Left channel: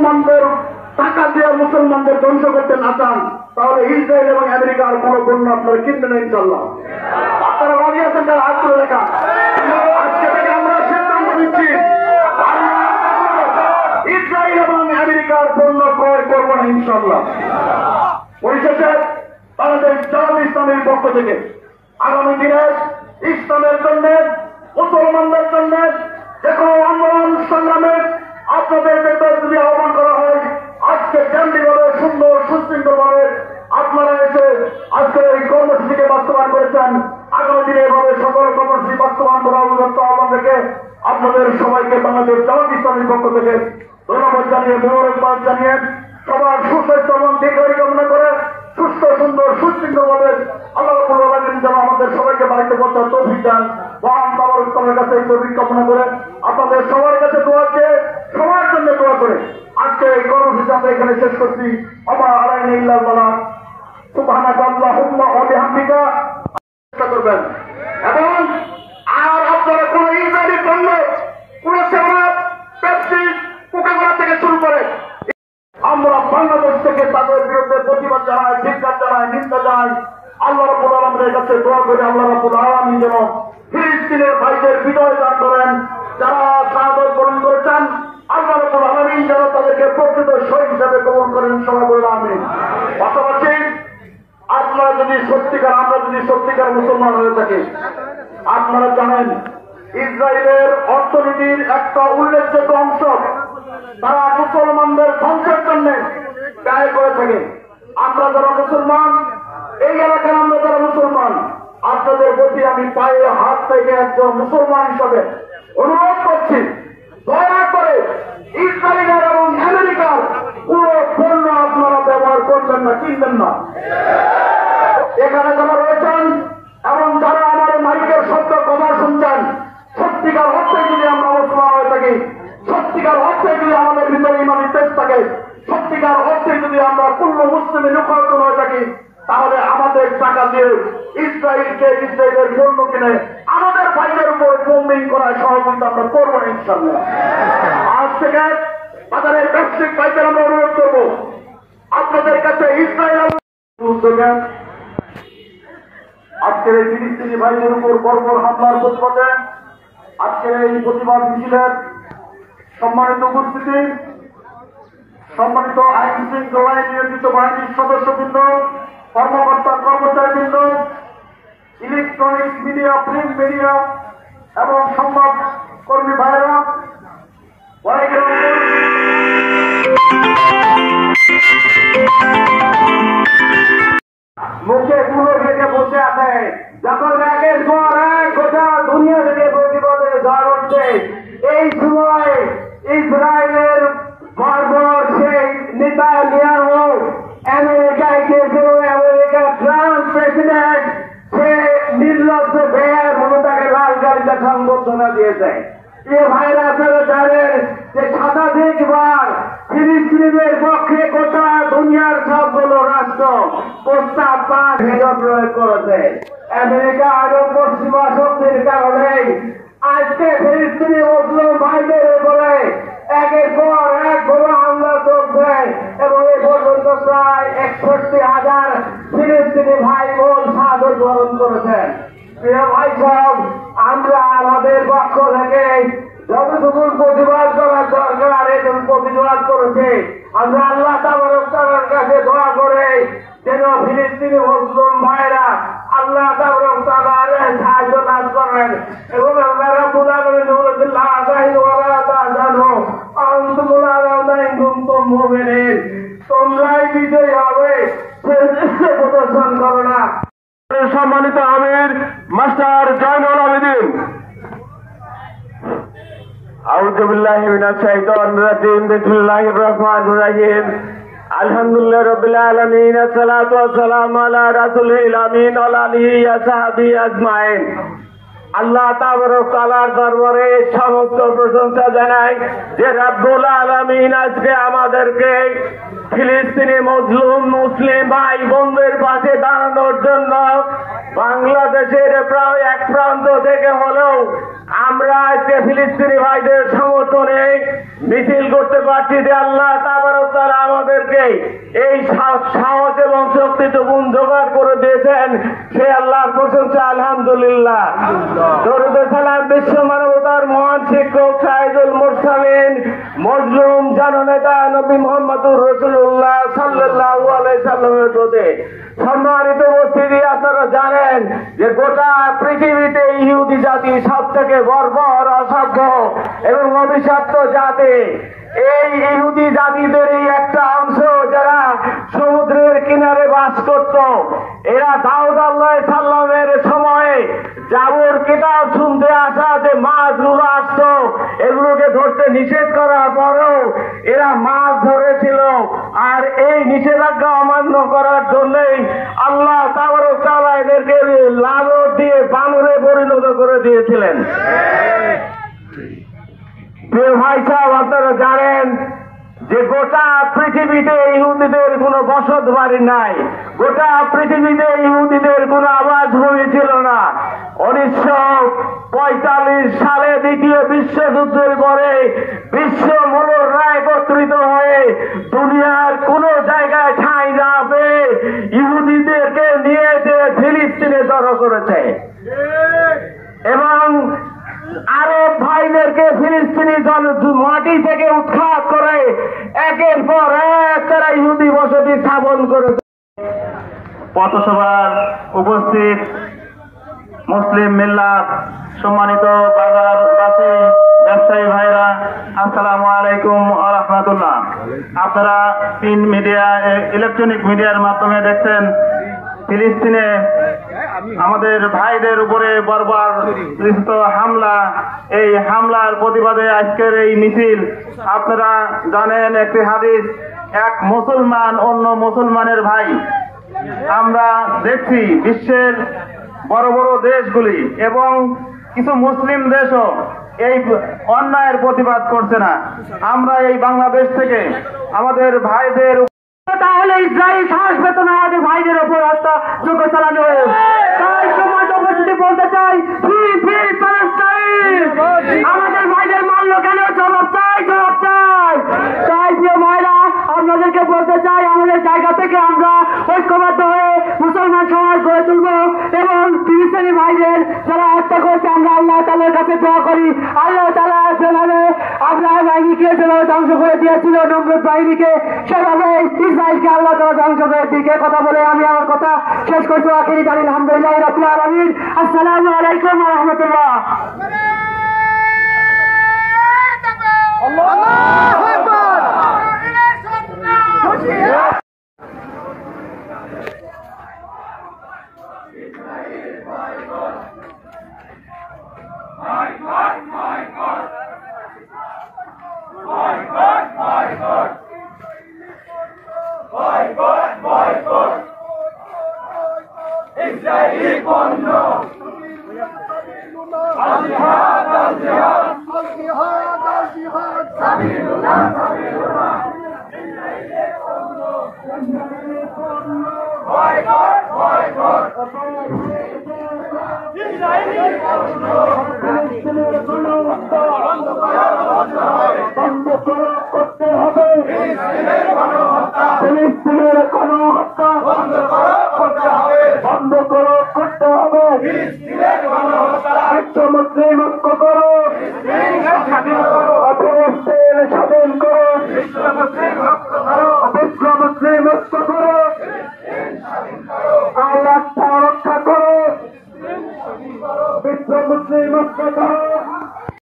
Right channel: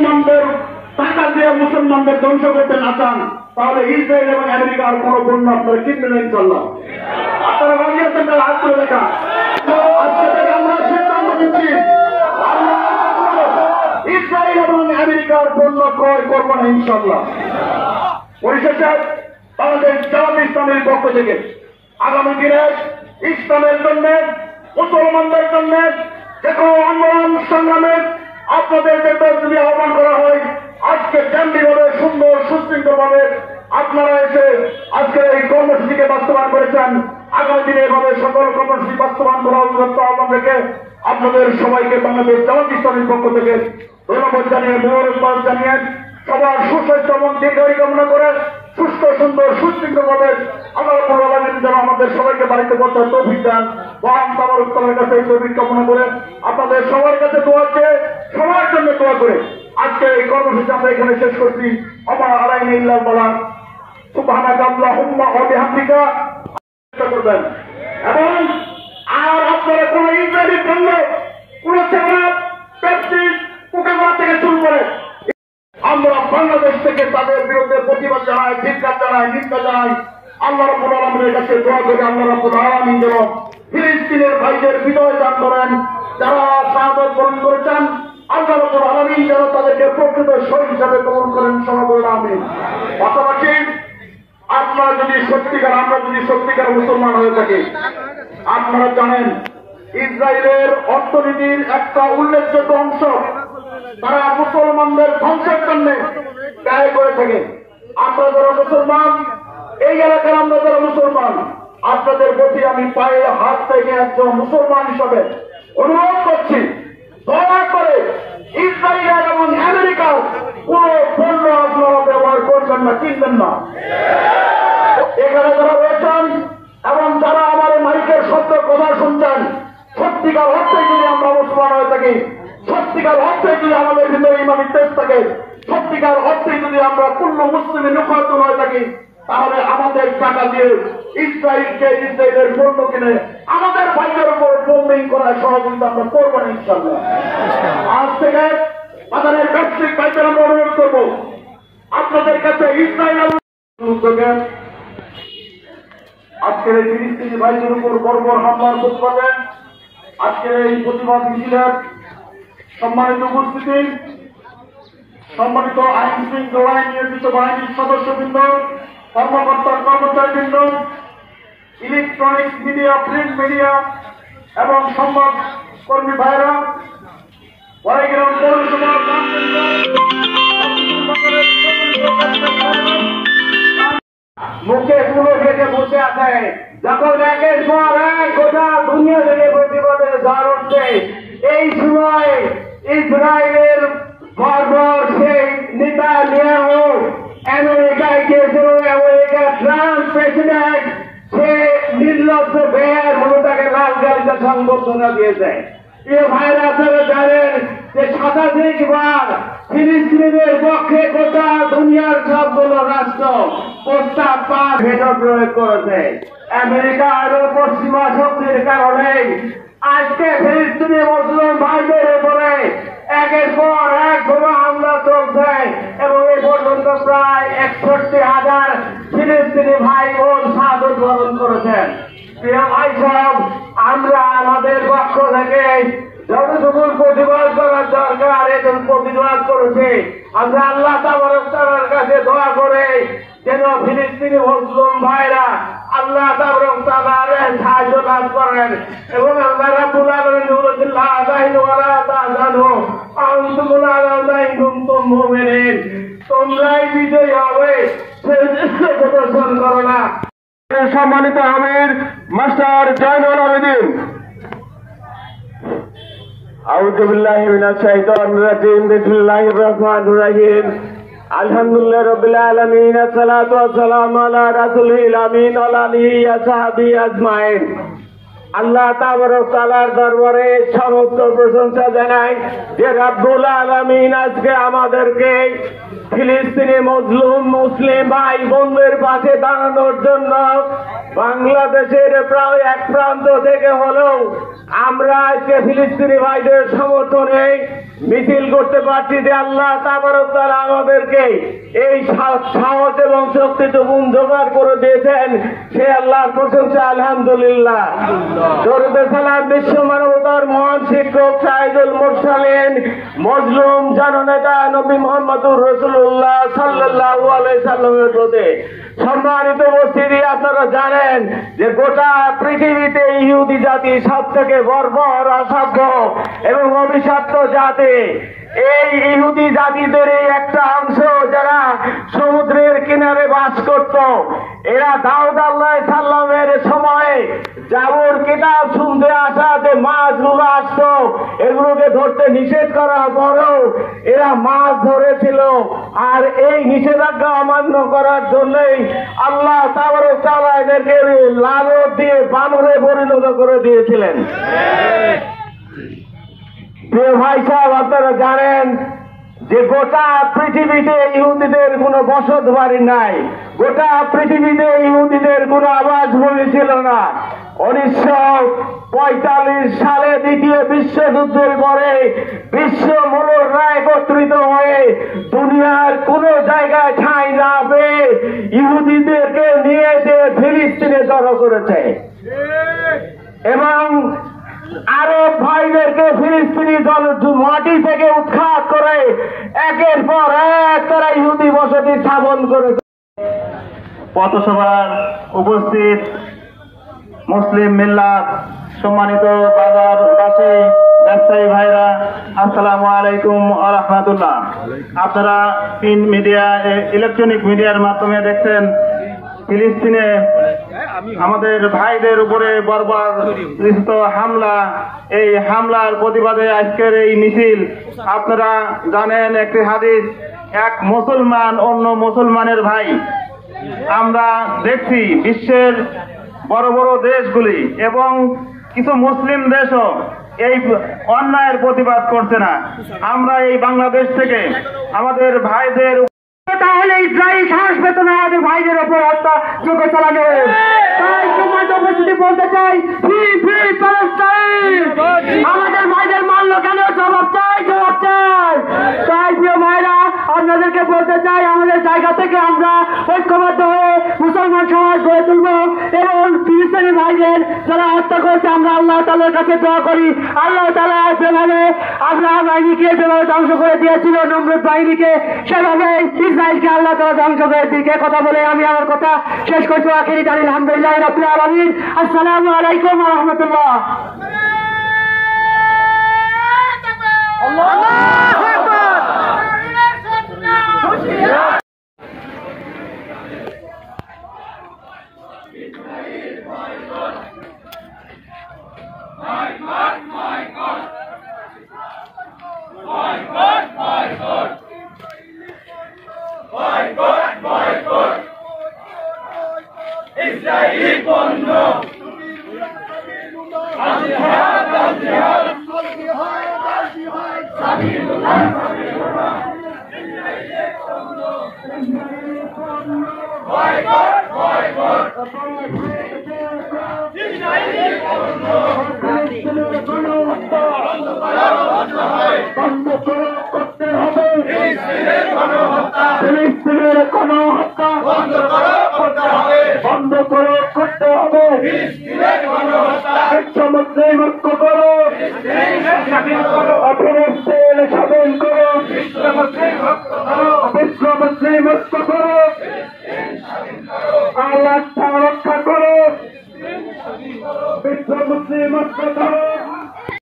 মুসলমানদের টাকা দিয়ে মুসলমানদের ধ্বংস করতে না চান, তাহলে ইসরায়েল এবং আমেরিকার কোন পণ্য আপনারা কিনবেন ইনশাল্লাহ। আপনারা রাজি আছেন? তারা হাত তুলে দেখা। আজকে থেকে আমরা সিদ্ধান্ত নিচ্ছি, ইসরায়েল এবং আমেরিকার পণ্য ক্রয় করবো না ইনশাল্লাহ। পরিশেষে বাংলাদেশ জামাত ইসলামের পক্ষ থেকে আগামী দিনে ইসলামের জন্য, মুসলমানদের জন্য যে কোনো আন্দোলন সংগ্রামে আপনাদেরকে যদি আহ্বান করা হয়, আজকে কেন্দ্রীয়ভাবে সুন্দর সুশৃঙ্খল ভাবে আপনারা এসে আজকে এই কর্মসূচিকে বাস্তবায়ন করেছেন। আগামী দিনে এভাবে সকল কর্মসূচি বাস্তবায়ন করা অভিযুক্ত আহ্বান থেকে আপনাদের সবাইকে বাংলাদেশ জামাত ইসলামের পক্ষ থেকে ধন্যবাদ জানিয়ে, মোবারকবাদ জানিয়ে, সবার সুস্বাস্থ্য এবং দীর্ঘায়ু কামনা করে সুস্থ সুন্দর সুশৃঙ্খল ভাবে আল্লাহ রাব্বুল আলামিন যেন আমাদের সবাইকে বাড়িতে পৌঁছার তৌফিক দেন। মহান তাবারক কাছে এই তৌফিক কামনা করে আপনাদের সবার কাছে দোয়া চেয়ে, সবার জন্য দোয়া করে আজকে এই কর্মসূচি আমরা এখানে শেষ করছি। আমা আলাইনা ইল্লাল বালাগ। সুবহানাকা আল্লাহুম্মা ওয়া বিহামদিকা করবেন। এবং আর আপনারা কোন ইসরায়েলি পণ্য, কোন সেবা, পেপসি, কোকা-কোলা থেকে শুরু করে আমরা বাংলাদেশ থেকে তাদের বিরুদ্ধে প্রতিবাদ জানাই, ধিক্কার জানাই, নিন্দা জানাই। আল্লাহ রাব্বুল আলামিনের কাছে দোয়া করি আল্লাহ রাব্বুল আলামিন যেন ফিলিস্তিনের ভাইদের বিজয় দান করেন। যারা শাহাদাত বরণ করেছেন আল্লাহ রাব্বুল আলামিন যেন তাদেরকে প্রকৃত শহীদ হিসাবে কবুল করেন। সবাই বলেন আমিন। পাশাপাশি আপনারা যদি সত্যিকার, আমরা যদি সত্যিকার মুসলমান হয়ে থাকি, আপনারা জানেন ইসরায়েলের অর্থনীতির একটা উল্লেখযোগ্য অংশ তারা মুসলমানদের ধ্বংসের জন্য ব্যয় করে থাকে। আমরা যারা মুসলমান, এই এলাকার আমরা যারা মুসলমান, আপনাদের প্রতি আমি পায়ে হাত থেকে একজন মুসলমান হিসাবে অনুরোধ করছি, দয়া করে ইসরায়েল এবং আমেরিকার কোন পণ্য আপনারা ব্যবহার করবেন না, কিনবেন না। এখানে যারা রয়েছেন এবং যারা আমার মালিকের সত্য কথা শুনছেন, সত্যিকার অর্থে যদি আমরা মুসলমান হয়ে থাকি, সত্যিকার অর্থে যদি আমাদের ভিতরে ইমানি তেজ থাকে, সত্যিকার অর্থে যদি আমরা পূর্ণ মুসলিমে রূপান্তর হয়ে থাকি, তাহলে আমাদের টাকা দিয়ে ইসরায়েলকে, ইসরায়েলের পণ্য কিনে আমাদের ভাইয়ের উপর বোম্বিং করার সহযোগিতা আমরা করবো না ইনশাআল্লাহ। আজ থেকে তাদের ব্যবসায়িক ভাইদের আমরা অনুরোধ করবো, আপনাদের কাছে ইসরায়েল উদ্যোগে আজকের এই ফিলিস্তিনি ভাইদের উপর বর্বর হামলার প্রতিবাদে আজকের এই প্রতিবাদ মিছিলের সম্মানিত উপস্থিতি, সম্মানিত আইন শৃঙ্খলায় নিয়োজিত বাহিনীর সদস্যবৃন্দ, কর্মকর্তা কর্মচারীবৃন্দ, ইলেকট্রনিক্স মিডিয়া, প্রিন্ট মিডিয়া এবং সংবাদ কর্মী ভাইরা, বড়াইগ্রাম মুখে গুলো থেকে বসে আছে। যখন একের পর এক গোটা দুনিয়া থেকে প্রতিবাদের ঝড় উঠছে, এই সময় ইসরায়েলের বর্বর সেই নেতানিয়াহু আমেরিকায় গিয়েছিল। আমেরিকার ট্রাম্প প্রেসিডেন্ট সে নির্লজ্জ বেয়ার মনে তাকে লাল গাড়িতে সংবর্ধনা দিয়েছে। প্রিয় ভাইরা, আপনারা জানেন যে শতাধিকবার ফিলিস্তিনিদের পক্ষে গোটা দুনিয়ার সবগুলো রাষ্ট্র প্রস্তাব পাঠ ভেটো প্রয়োগ করেছে। আমেরিকা আরো পশ্চিমা শক্তির কারণে আজকে ফিলিস্তিনি মুসলিম ভাইদের উপরে একের পর এক বোমা হামলা চলছে এবং এই পর্যন্ত প্রায় ৬১,০০০ ফিলিস্তিনি ভাই বোন শাহাদাত বরণ করেছেন। প্রিয় ভাই সাহেব, আমরা আমাদের পক্ষ থেকে যতটুকু প্রতিবাদ করার দরকার এখন প্রতিবাদ করেছে। আমরা আল্লাহ তাবারক তাআলার কাছে দোয়া করে যেন ফিলিস্তিনি মুসলিম ভাইরা আল্লাহ তাবারক তাআলার সাহায্য লাভ করেন এবং আল্লাহ রাব্বুল আলামিন বলেছেন, লা তাহিনু ওয়া লা তাহজানু ওয়া আনতুমুল আ'লাউনা ইন কুনতুম মুমিনিন। তোমরাই বিজয়ী হবে, সেই প্রদর্শন করো না। সম্মানিত আমির মাস্টার জয়নুল আবেদিন। আউযু বিল্লাহি মিনাশ শাইতানির রাজিম। বিসমিল্লাহির রহমানির রহিম। আলহামদুলিল্লাহি রাব্বিল আলামিন। আসসালাতু ওয়াসসালামু আলা রাসূলিল আমিন ওয়া আলা আলিহি ওয়া সাহবিহি আজমাইন। আল্লাহ তাবারক তাআলার দরবারে সমস্ত প্রশংসা জানাই যে রব্বুল আলামিন আজকে আমাদেরকে ফিলিস্তিনি মজলুম মুসলিম ভাই বোনদের পাশে দাঁড়ানোর জন্য বাংলাদেশের প্রায় এক প্রান্ত থেকে হলেও আমরা আজকে ফিলিস্তিনি ভাইদের সমর্থনে মিছিল করতে পারছি যে আল্লাহ তাবারক তাআলা আমাদেরকে এই সাহস এবং শক্তিটুকু জোগাড় করে দিয়েছেন, সে আল্লাহর প্রশংসা আলহামদুলিল্লাহ। দরুদ সালাম বিশ্ব মানবতার মহান শিক্ষক সাইদুল মুরসালিন মজলুম জননেতা নবী মুহাম্মদুর রাসূলুল্লাহ সাল্লাল্লাহু আলাইহি সাল্লামের প্রতি। সম্মানিত উপস্থিতি, আপনারা জানেন যে গোটা পৃথিবীতে ইহুদি জাতি সব থেকে বর্বর, অসভ্য এবং অভিশপ্ত জাতি। এই ইহুদি জাতিদের এই একটা অংশ যারা সমুদ্রের কিনারে বাস করত, এরা দাউদ আলাইহিস সালামের সময়ে জাবুর কিতাব শুনতে আসা যে মাছগুলো আসতো, এগুলোকে ধরতে নিষেধ করার পরেও এরা মাছ ধরেছিল। আর এই নিষেধাজ্ঞা অমান্য করার জন্যই আল্লাহ তাবারক তাআলা এদেরকে লালত দিয়ে বানরে পরিণত করে দিয়েছিলেন। প্রিয় ভাই সাহেব, আপনারা জানেন যে গোটা পৃথিবীতে ইহুদিদের কোনো বসত বাড়ি নাই, গোটা পৃথিবীতে ইহুদিদের কোনো আবাসভূমি ছিল না। 1945 সালে দ্বিতীয় বিশ্বযুদ্ধের পরে বিশ্ব মোড়লরা একত্রিত হয়ে দুনিয়ার কোন জায়গায় ঠাঁই না পেয়ে ইহুদিদেরকে নিয়ে এসে ফিলিস্তিনে জড়ো করেছে এবং আরব ভাইদেরকে ফিলিস্তিনি মাটি থেকে উৎখাত করে একের পর এক তারা ইহুদি বসতি স্থাপন করেছে। পথসভার উপস্থিত মুসলিম মিল্লাত, সম্মানিত বাজারবাসী, ব্যবসায়ী ভাইরা, আসসালামু আলাইকুম ওয়া রাহমাতুল্লাহ। আপনারা প্রিন্ট মিডিয়া, ইলেকট্রনিক মিডিয়ার মাধ্যমে দেখছেন ফিলিস্তিনে আমাদের ভাইদের উপরে বর্বরিত হামলা। এই হামলার প্রতিবাদে আজকের এই মিছিল। আপনারা জানেন একটি হাদিস, এক মুসলমান অন্য মুসলমানের ভাই। আমরা দেখছি বিশ্বের বড় বড় দেশগুলি এবং কিছু মুসলিম দেশও এই অন্যায়ের প্রতিবাদ করছে না। আমরা এই বাংলাদেশ থেকে আমাদের ভাইদের, তাহলে ইসরায়েল সাহস পেত না আমাদের ভাইদের ওপর হত্যাযজ্ঞ চালানো। তাই সমাজ উপস্থিতি বলতে চাই, ফ্রি ফ্রি প্যালেস্টাইন। আমাদের ভাইদের মারলো কেন? জবাব চাই, জবাব চাই। তাই প্রিয় ভাইরা, আপনাদেরকে বলতে চাই, আমাদের জায়গা থেকে আমরা ঐক্যবদ্ধ হয়ে মুসলমান সমাজ গড়ে তুলব এবং ফিলিস্তিনি ভাইদের যারা হত্যা করেছে আমরা আল্লাহ তাআলার কাছে দোয়া করি, আল্লাহ তাআলা যেভাবে আব্রাহা বাহিনীকে যেভাবে ধ্বংস করে দিয়েছিল নমরুদ বাহিনীকে, সেভাবে ইসরায়েলকে আল্লাহ তাআলা ধ্বংস করে দিকে। কথা বলে আমি আমার কথা শেষ করছি। আখিরি দাঁড়িয়ে আলহামদুলিল্লাহ রাব্বিল আলামিন। আসসালামু আলাইকুম ওয়া রাহমাতুল্লাহ। আল্লাহু আকবার। ইসরায়েলি পণ্য বন্ধ করতে হবে। ফিলিস্তিনের গণহত্যা বন্ধ করতে হবে। বিশ্ব মুসলিম ঐক্য করো, ফিলিস্তিন স্বাধীন করো, বিশ্ব মুসলিম ঐক্য করো, আল্লাহ রক্ষা করো, বিশ্ব মুসলিম ঐক্য করো।